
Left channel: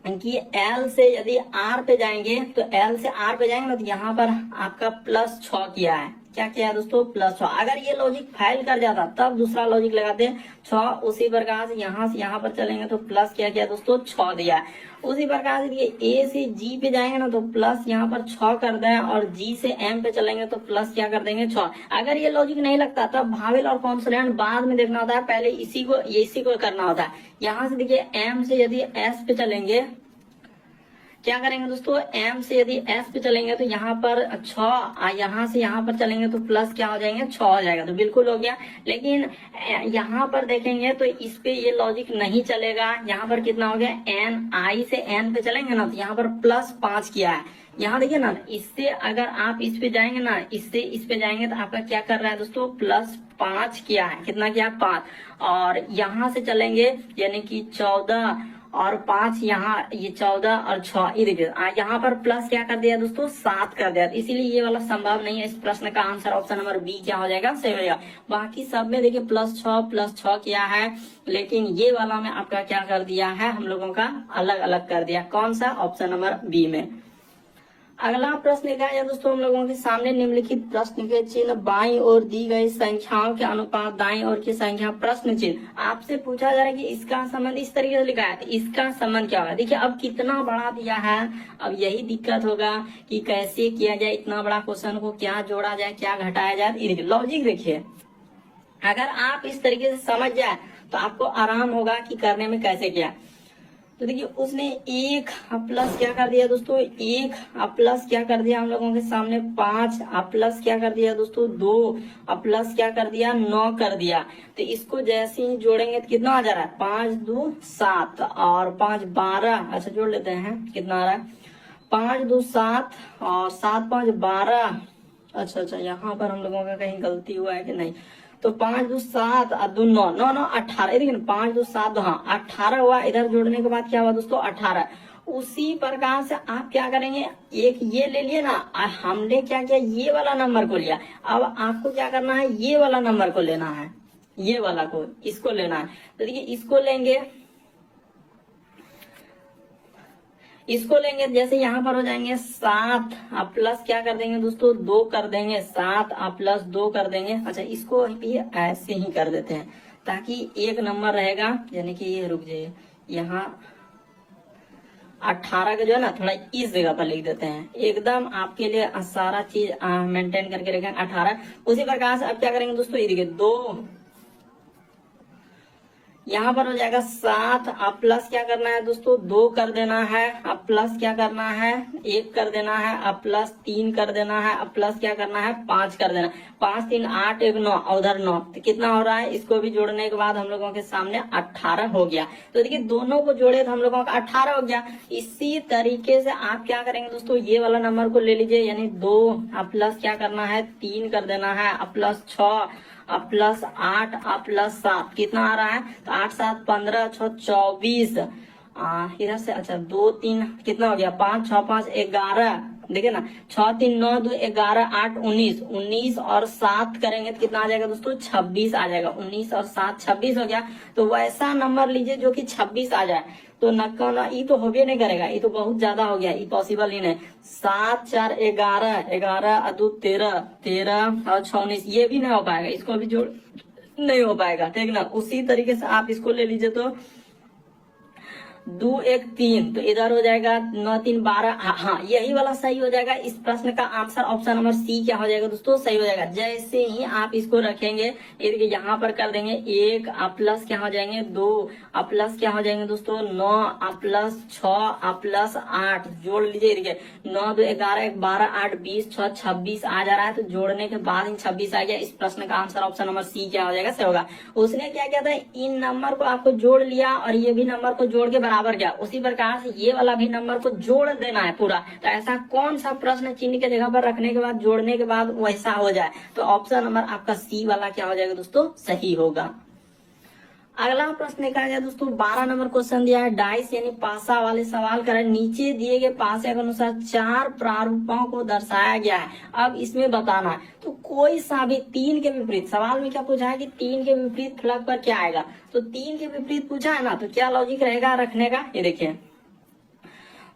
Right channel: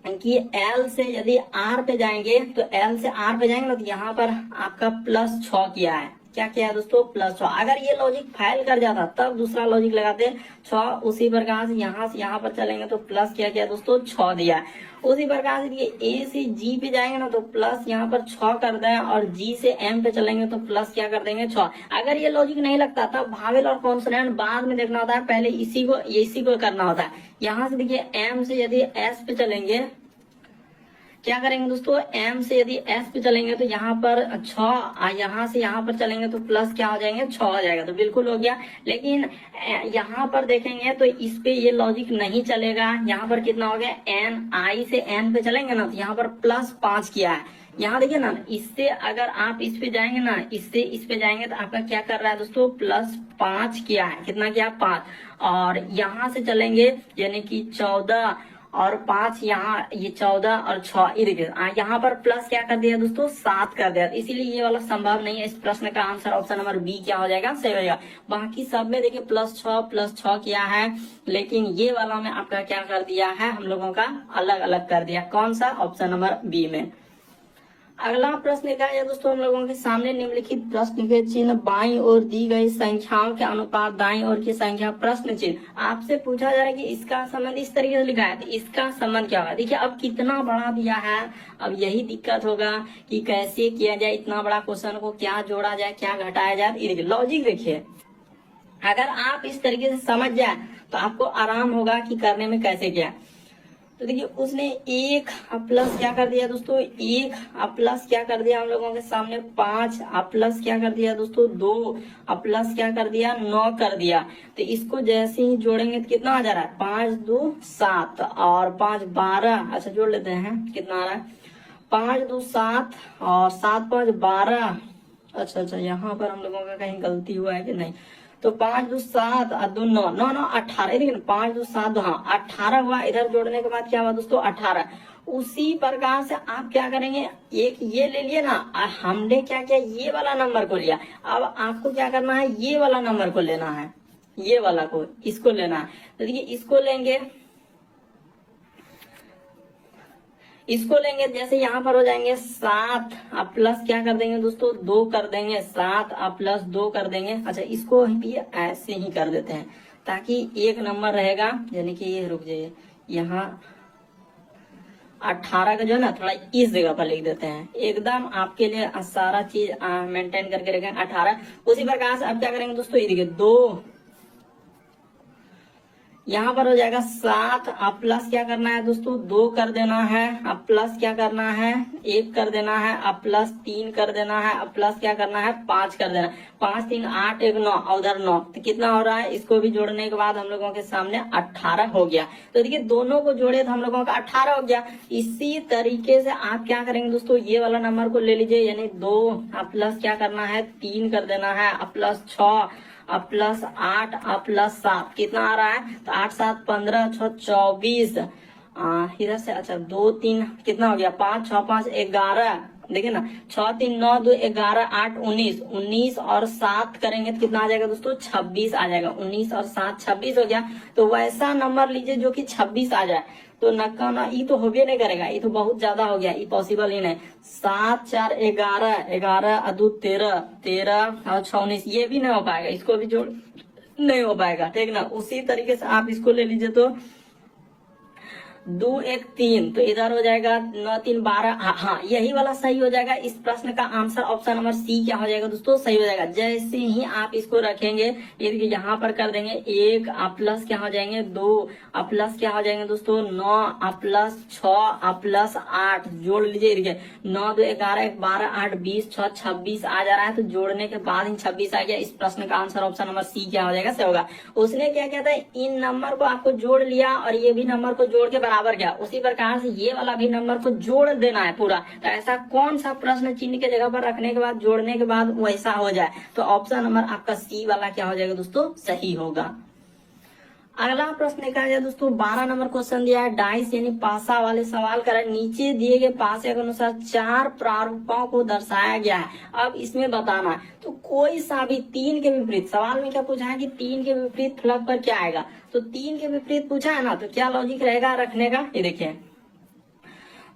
कि L से यदि R पे जाएंगे, तो L से R पे जाएंगे तो यहाँ पर आपका +6 किया है, क्या किया है दोस्तों, +6। अगर ये लॉजिक फेल कर जाता तब दूसरा लॉजिक लगाते हैं 6। उसी प्रकार से यहाँ पर चलेंगे तो प्लस क्या किया दोस्तों, 6 दिया। उसी प्रकार से ये A से G पे जाएंगे ना, तो प्लस यहाँ पर 6 कर दें, और G से M पे चलेंगे तो प्लस क्या कर देंगे, 6। अगर ये लॉजिक नहीं लगता तब भावेल और कॉन्सोनेंट बाद में देखना होता है, पहले इसी को करना होता है। यहाँ से देखिए M से यदि S पे चलेंगे, क्या करेंगे दोस्तों, M से यदि S पे चलेंगे तो यहाँ पर 6, यहाँ से यहाँ पर चलेंगे तो प्लस क्या हो जाएंगे, 6 हो जाएगा, तो बिल्कुल हो गया। लेकिन यहाँ पर देखेंगे तो इस पे ये लॉजिक नहीं चलेगा। यहाँ पर कितना हो गया, N, I से N पे चलेंगे ना, तो यहाँ पर +5 किया है। यहाँ देखिए ना, इससे अगर आप इस पे जाएंगे ना, इससे इस पे जाएंगे तो आपका क्या कर रहा है दोस्तों, +5 किया है। कितना किया, 5। और यहाँ से चलेंगे यानी कि 14 और 5, यहाँ ये 14 और 6, ये देखिए यहाँ पर प्लस क्या कर दिया दोस्तों, 7 कर दिया। इसीलिए ये वाला संभव नहीं है। इस प्रश्न का आंसर ऑप्शन नंबर बी क्या हो जाएगा, सही हो जाएगा। बाकी सब में देखिए +6 किया है, लेकिन ये वाला में आपका क्या कर दिया है, हम लोगों का अलग अलग कर दिया। कौन सा, ऑप्शन नंबर बी में। अगला प्रश्न देखा जाए दोस्तों, हम लोगों के सामने निम्नलिखित प्रश्न के चिन्ह बाईं ओर दी गई संख्याओं के अनुपात दाईं ओर की संख्या प्रश्न चिन्ह। आपसे पूछा जा रहा है कि इसका संबंध इस तरीके से लिखा है, तो इसका संबंध क्या होगा। देखिए अब कितना बड़ा दिया है, अब यही दिक्कत होगा कि कैसे किया जाए, इतना बड़ा क्वेश्चन को क्या जोड़ा जाए, क्या घटाया जाए। ये देखिए लॉजिक देखिए, अगर आप इस तरीके से समझ जाए तो आपको आराम होगा कि करने में कैसे किया। तो देखिए उसने 1 प्लस क्या कर दिया दोस्तों, 1 प्लस क्या कर दिया हम लोगों के सामने, 5 प्लस क्या कर दिया दोस्तों, 2 प्लस क्या कर दिया, 9 कर दिया। तो इसको जैसे ही जोड़ेंगे तो कितना आ जा रहा है, 5 2 7 और 5 12। अच्छा जोड़ लेते हैं, कितना आ रहा है, 5 2 7 और 7 5 12। अच्छा यहाँ पर हम लोगों का कहीं गलती हुआ है कि नहीं, तो 5 2 7 और 2 9 9 9 18, लेकिन 5 2 7 हाँ 18 हुआ। इधर जोड़ने के बाद क्या हुआ दोस्तों, 18। उसी प्रकार से आप क्या करेंगे, एक ये ले लिए ना, हमने क्या किया, ये वाला नंबर को लिया। अब आपको क्या करना है, ये वाला नंबर को लेना है, ये वाला को, इसको लेना है। तो देखिए इसको लेंगे, इसको लेंगे, जैसे यहाँ पर हो जाएंगे 7, आप प्लस क्या कर देंगे दोस्तों 2 कर देंगे, 7 आप प्लस 2 कर देंगे। अच्छा, इसको भी ऐसे ही कर देते हैं ताकि एक नंबर रहेगा, यानी कि ये रुक जाइए, यहाँ 18 का जो है ना थोड़ा इस जगह पर लिख देते हैं, एकदम आपके लिए सारा चीज मेंटेन करके रखें 18। उसी प्रकार से अब क्या करेंगे दोस्तों, ये देखिए 2, यहाँ पर हो जाएगा 7, आप प्लस क्या करना है दोस्तों 2 कर देना है, आप प्लस क्या करना है 1 कर देना है, आप प्लस 3 कर देना है, आप प्लस क्या करना है 5 कर देना। 5 3 8 1 9, उधर 9, तो कितना हो रहा है, इसको भी जोड़ने के बाद हम लोगों के सामने 18 हो गया। तो देखिए दोनों को जोड़े तो हम लोगों का 18 हो गया। इसी तरीके से आप क्या करेंगे दोस्तों, ये वाला नंबर को ले लीजिए, यानी 2, आप प्लस क्या करना है 3 कर देना है, आप प्लस 6, अब प्लस 8, अब प्लस 7, कितना आ रहा है, तो 8 7 15 6 24, इधर से अच्छा 2 3 कितना हो गया, 5 6 5 11, देखिए ना 6 3 9 2 11 8 19, 19 और 7 करेंगे तो कितना आ जाएगा दोस्तों 26 आ जाएगा। 19 और 7 26 हो गया। तो वैसा नंबर लीजिए जो कि 26 आ जाए। तो नक्का ना ये तो होबे नहीं करेगा, ये तो बहुत ज्यादा हो गया, ये पॉसिबल ही नहीं। 7 4 11, 11 अदू 13, 13 और 6 19, ये भी नहीं हो पाएगा, इसको भी जोड़ नहीं हो पाएगा, ठीक ना। उसी तरीके से आप इसको ले लीजिए तो 2 1 3, तो इधर हो जाएगा 9 3 12, हाँ यही वाला सही हो जाएगा। इस प्रश्न का आंसर ऑप्शन नंबर सी क्या हो जाएगा दोस्तों, सही हो जाएगा। जैसे ही आप इसको रखेंगे, ये देखिए यहाँ पर कर देंगे 1, आप प्लस क्या हो जाएंगे 2, आप प्लस क्या हो जाएंगे दोस्तों 9, आप प्लस 6, आप प्लस 8, जोड़ लीजिए, देखिए 9 2 11 1 12 8 20 6 26 आ जा रहा है। तो जोड़ने के बाद इन 26 आ गया। इस प्रश्न का आंसर ऑप्शन नंबर सी क्या हो जाएगा, सही होगा। उसने क्या किया था, इन नंबर को आपको जोड़ लिया और ये भी नंबर को जोड़ के बराबर किया। उसी प्रकार से ये वाला भी नंबर को जोड़ देना है पूरा। तो ऐसा कौन सा प्रश्न चिन्ह के जगह पर रखने के बाद जोड़ने के बाद वैसा हो जाए, तो ऑप्शन नंबर आपका सी वाला क्या हो जाएगा दोस्तों, सही होगा। अगला प्रश्न देखा जाए दोस्तों, 12 नंबर क्वेश्चन दिया है, डाइस यानी पासा वाले सवाल कर रहे हैं। नीचे दिए गए पासे के अनुसार 4 प्रारूपों को दर्शाया गया है। अब इसमें बताना है, तो कोई सा भी 3 के विपरीत, सवाल में क्या पूछा है कि 3 के विपरीत फलक पर क्या आएगा। तो 3 के विपरीत पूछा है ना, तो क्या लॉजिक रहेगा रखने का, ये देखिए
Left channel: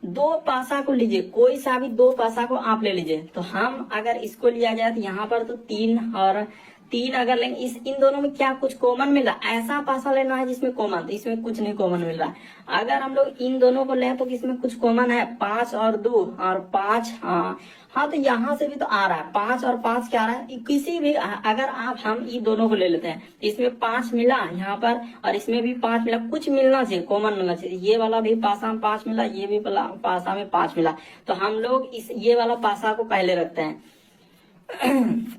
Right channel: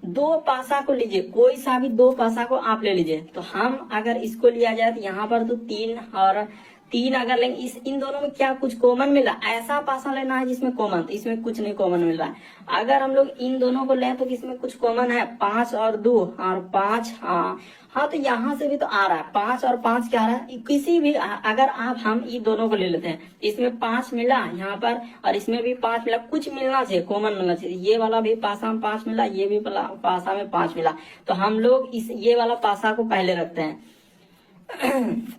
2 पासा को लीजिए, कोई सा भी 2 पासा को आप ले लीजिए। तो हम अगर इसको लिया जाए तो यहाँ पर तो 3 और 3 अगर लेंगे, इन दोनों में क्या कुछ कॉमन मिल रहा है, ऐसा पासा लेना है जिसमें कॉमन, तो इसमें कुछ नहीं कॉमन मिल रहा है। अगर हम लोग इन दोनों को लें तो इसमें कुछ कॉमन है, 5 और 2 और 5, हाँ तो यहाँ से भी तो आ रहा है 5 और 5 क्या आ रहा है, किसी भी अगर आप हम इन दोनों को ले लेते हैं, इसमें 5 मिला यहाँ पर और इसमें भी 5 मिला, कुछ मिलना चाहिए, कॉमन मिलना चाहिए। ये वाला भी पासा में 5 मिला, ये भी पासा में 5 मिला, तो हम लोग ये वाला पासा को पहले रखते हैं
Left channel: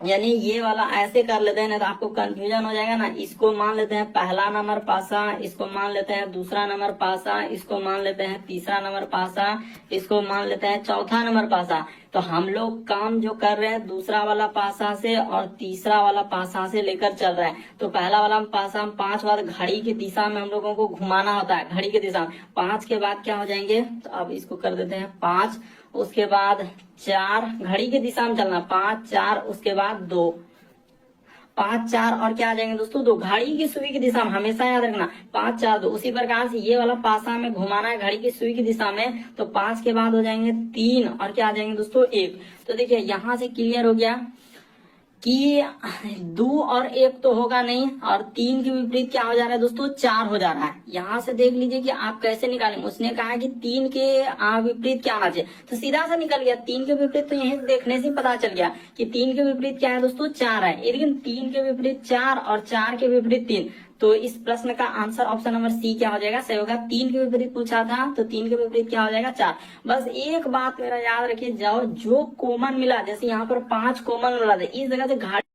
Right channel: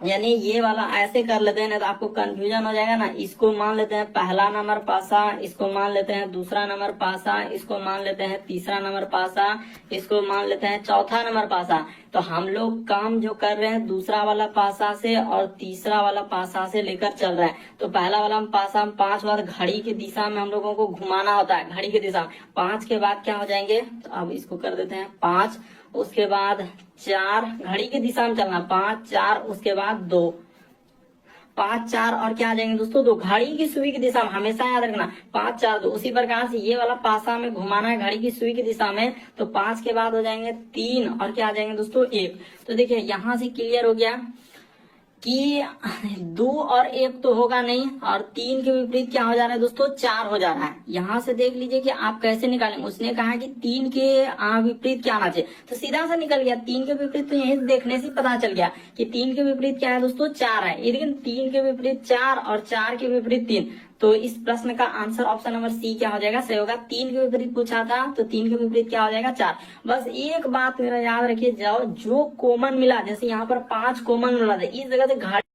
यानी ये वाला ऐसे कर लेते हैं ना, तो आपको कंफ्यूजन हो जाएगा ना। इसको मान लेते हैं पहला नंबर पासा, इसको मान लेते हैं दूसरा नंबर पासा, इसको मान लेते हैं तीसरा नंबर पासा, इसको मान लेते हैं चौथा नंबर पासा। तो हम लोग काम जो कर रहे हैं दूसरा वाला पासा से और तीसरा वाला पासा से लेकर चल रहे हैं। तो पहला वाला पासा हम 5 बार घड़ी की दिशा में हम लोगों को घुमाना होता है, घड़ी की दिशा में। 5 के बाद क्या हो जाएंगे, तो अब इसको कर देते हैं 5, उसके बाद 4, घड़ी की दिशा में चलना, 5 4, उसके बाद 2, 5 4 और क्या आ जाएंगे दोस्तों 2, घड़ी की सुई की दिशा में, हमेशा याद रखना 5 4 2। उसी प्रकार से ये वाला पासा में घुमाना है घड़ी की सुई की दिशा में, तो 5 के बाद हो जाएंगे 3 और क्या आ जाएंगे दोस्तों 1। तो देखिए यहाँ से क्लियर हो गया कि 2 और 1 तो होगा नहीं, और 3 के विपरीत क्या हो जा रहा है दोस्तों 4 हो जा रहा है। यहाँ से देख लीजिए कि आप कैसे निकालेंगे। उसने कहा कि 3 के विपरीत क्या आना चाहिए, तो सीधा सा निकल गया 3 के विपरीत। तो यही देखने से पता चल गया कि 3 के विपरीत क्या है दोस्तों 4 है, लेकिन 3 के विपरीत 4 और 4 के विपरीत 3। तो इस प्रश्न का आंसर ऑप्शन नंबर सी क्या हो जाएगा, सही होगा। 3 के विपरीत पूछा था, तो 3 के विपरीत क्या हो जाएगा 4। बस एक बात मेरा याद रखिए, जो कॉमन मिला, जैसे यहाँ पर 5 कॉमन मिला था, इस जगह से घाट